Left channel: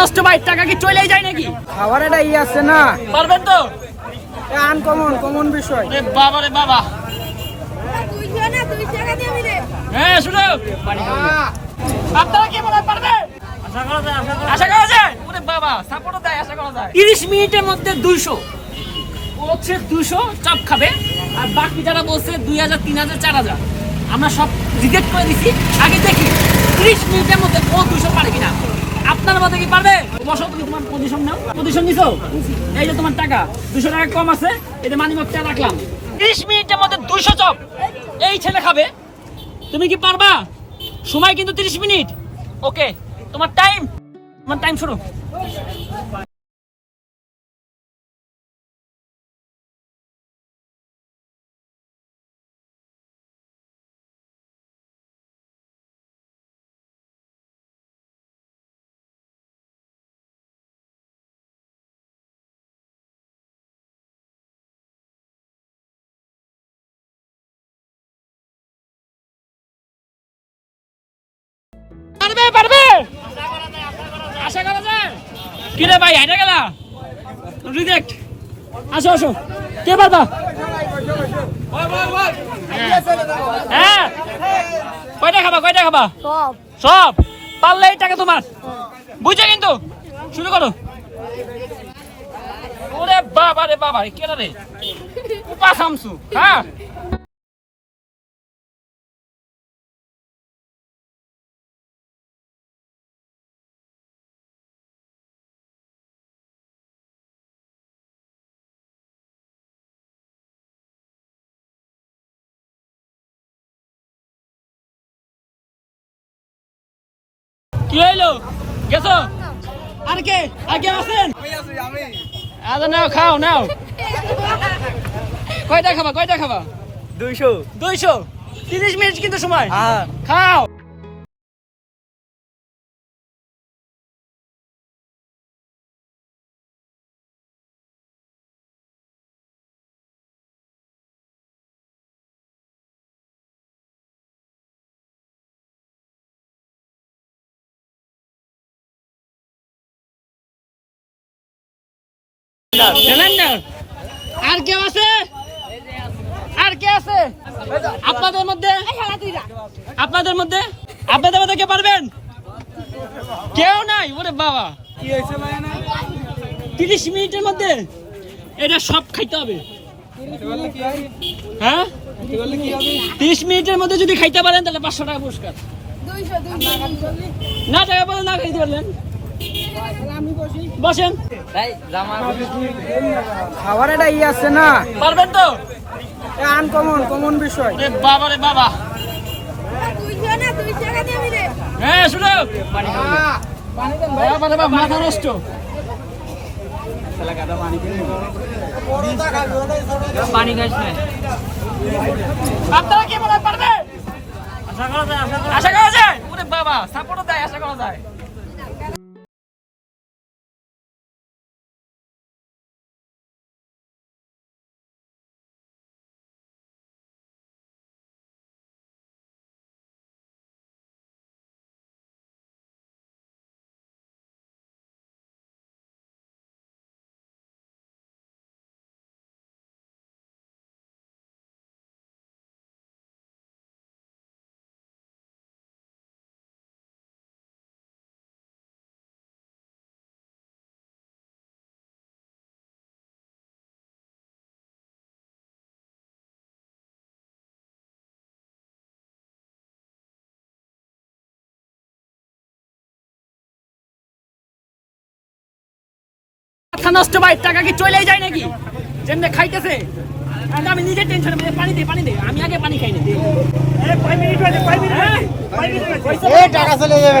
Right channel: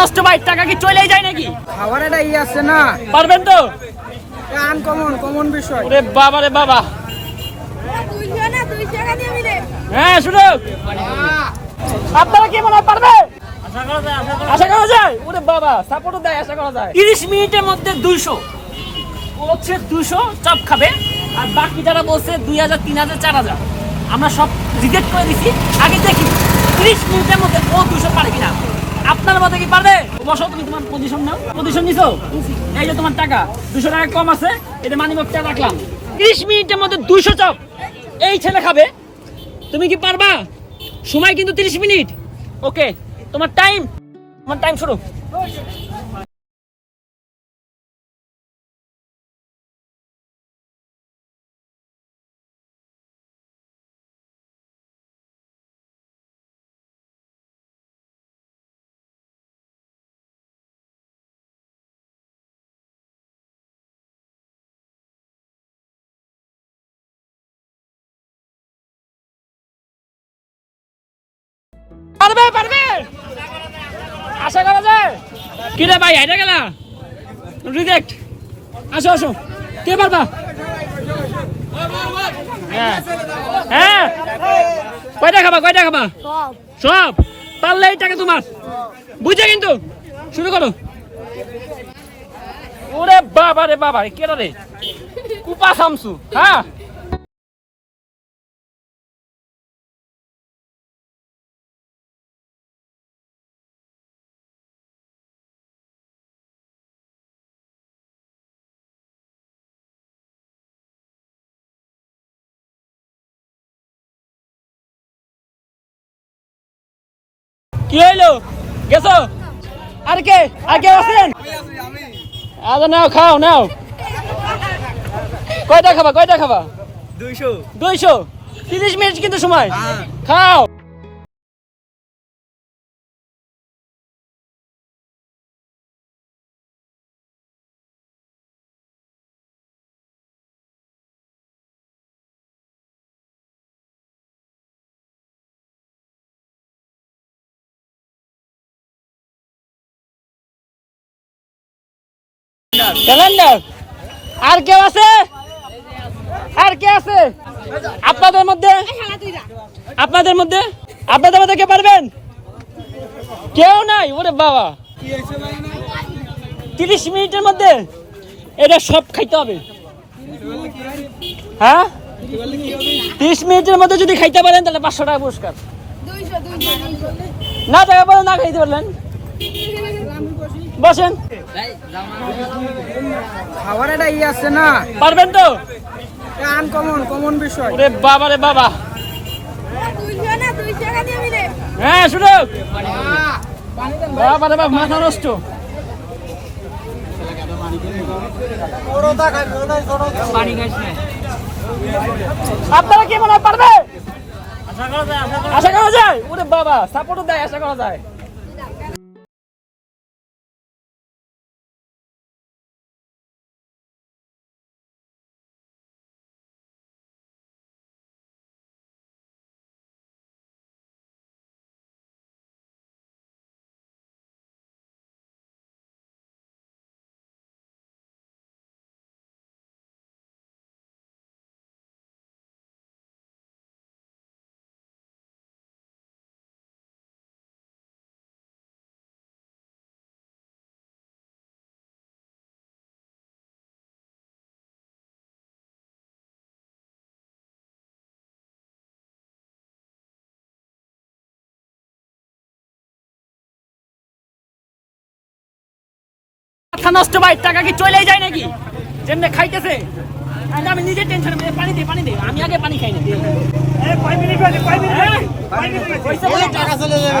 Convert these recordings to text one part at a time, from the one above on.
নষ্ট ভাই, টাকা কি চলেই যায় নাকি? খাবার একটা আছে না, পারবেন তো? কমন বিষয়। রে বাবা রে বাবা, হ্যাঁ শুনো, আপনারা কি মনে হয় পারবে? আশা করা যায়। ওরে বাবা, সাপোর্টও দেয়, আশা করা যায়। 30 মিনিটের মধ্যে 200 ও হচ্ছে 200 চপ খাবে, আর বাকি যারা বলছে 2000 3000 4000 আমরা সব রিজেক্ট করে দিছি। আগে দেখি 30 মিনিটের মধ্যে ও 200 পারে কিনা। আপনার মতে কি পারবে? বসো, তুমি তোমার পজিশন নাও। পজিশন নিছো, এই যে তোমার টাকা 200 টাকা কম আছে, এটা মানিব্যাগটা রাখলাম। 30 মিনিটের মধ্যে 200 চপ এই ছেলে খাবে, তুমি কি পারবা? সময় কিন্তু 30 মিনিট। ওকে, তোমার টাইম শুরু। পারবে পারবে, আশা করা যায়। কি রে ভাই, হাইটা গেলা রিজেক্ট। আসো আসো, কে পারবা? হ্যাঁ, কয়টা খাবা? সব পারলে এই টাকা তোমার, বুঝছো? কিন্তু শুরু করো। ওরে বাবা রে বাবা, কেটা রে উপা শামসু। হ্যাঁ, কি হইলো? গেছো? আর কে আছেন? আরে নাও, খাও নাও। কয়টা খাবা? 200। 30 মিনিট কিন্তু সময়। খাও। ক্যালেন্ডার। আর কেউ আছে? আপনাদের মধ্যে কে পারবেন? কেউ নাই? ওরে বাবা, 30 মিনিটের মধ্যে এটা সব খাইতে হবে। হ্যাঁ, 30 মিনিটের মধ্যে যদি খাইতে পারেন তাহলে 500 টাকা পুরস্কার। না টাকা পারেন, না খাইতে পারলেন, বসেন। খাবার একটা আছে না, পারবেন তো? কমন বিষয়। রে বাবা রে বাবা, হ্যাঁ শুনো, মাথা নষ্ট। আপনারা কি মনে হয় পারবে? আশা করা যায়। ওরে বাবা, সাপোর্টও দেয়, আশা করা যায়। মাথা নষ্ট ভাই, টাকা কি চলেই যায় নাকি? যেমনি খাইতেছে, আমি নিজে টেনশন। পানি দে, আমি আগে পানি খাই না। টাকা চলে যাবে।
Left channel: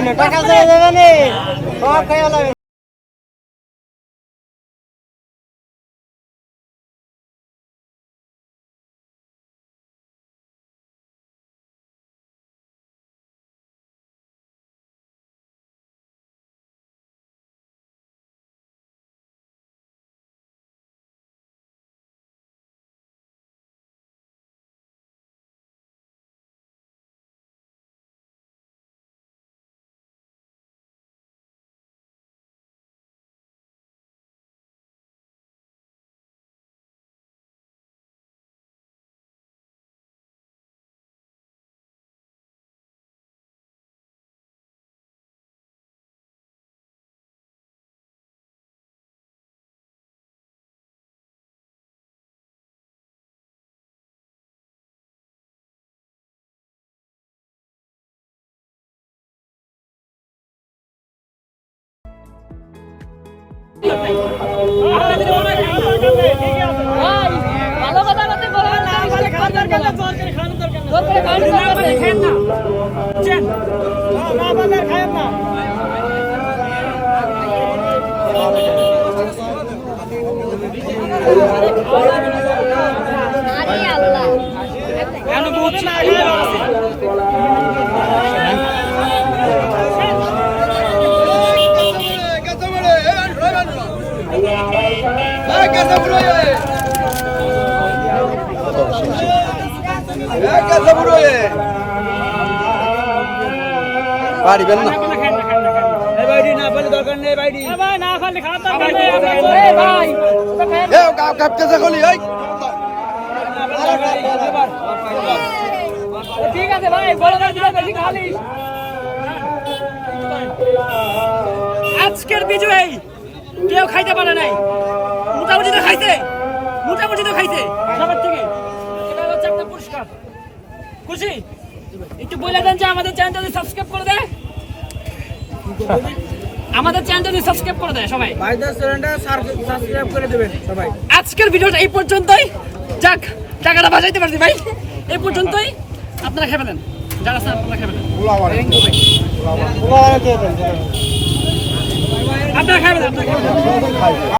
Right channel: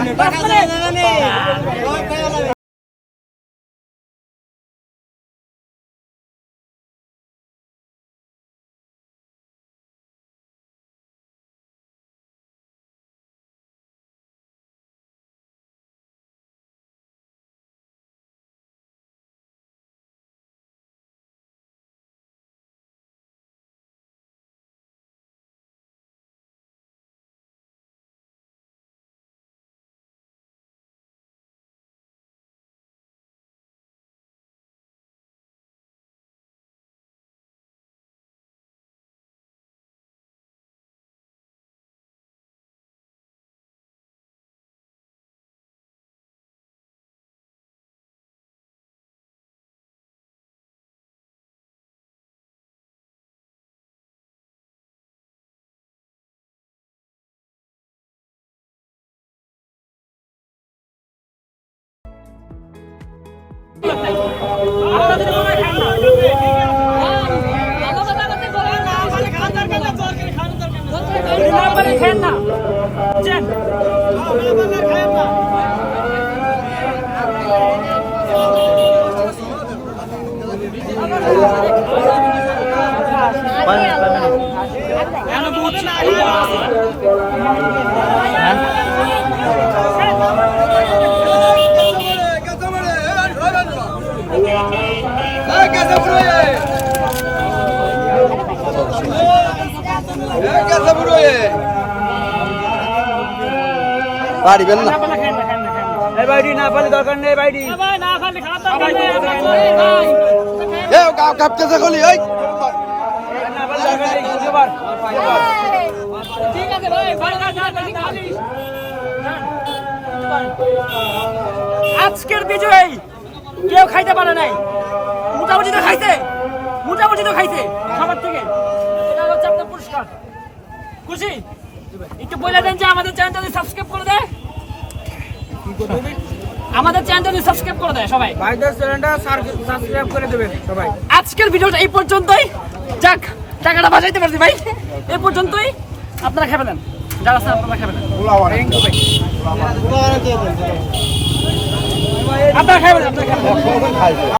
আপনারা যদি মনে হয় খান না, ভালো কথা বলতে বলেন না, মানে খাওয়ার দরকার না, যদি না পারেন খান না, বুঝছেন? খান না। এখন বহুত পারিবেন না এই ভাইডি না পালে দরকার নেই ভাইডি ভাই না খালি খাওয়ার দরকার নেই, আমরা করে ভাই। এ কাপতেছে গলি এই ঠিক আছে ভাই, বড় গাছ বেশি খালিস। আজকের বিজয়ী কেউ খাইতে পারে নাই, মোটামুটি তো খাইছে, মোটামুটি তো খাইছে সবার থেকে। এটা হচ্ছে আপনার পুরস্কার। খুশি? একটু বলে দেন যে আমাদের চ্যানেলটা সাবস্ক্রাইব করে দেয়, আমাদের চ্যানেলটা সাবস্ক্রাইব করে দেয় সবাই। ভাইদের চ্যানেলটা সাবস্ক্রাইব করে দেবেন সবাই। আজকের ভিডিওটা এই পর্যন্তই, যাক টাকাটা বাঁচাইতে পারছি ভাই। এই পর্যন্তই, আপনারা খেয়ে ফেলেন, যারা আছেন আপনারা খেয়ে ফেলেন, আপনারা খেয়ে ফেলেন।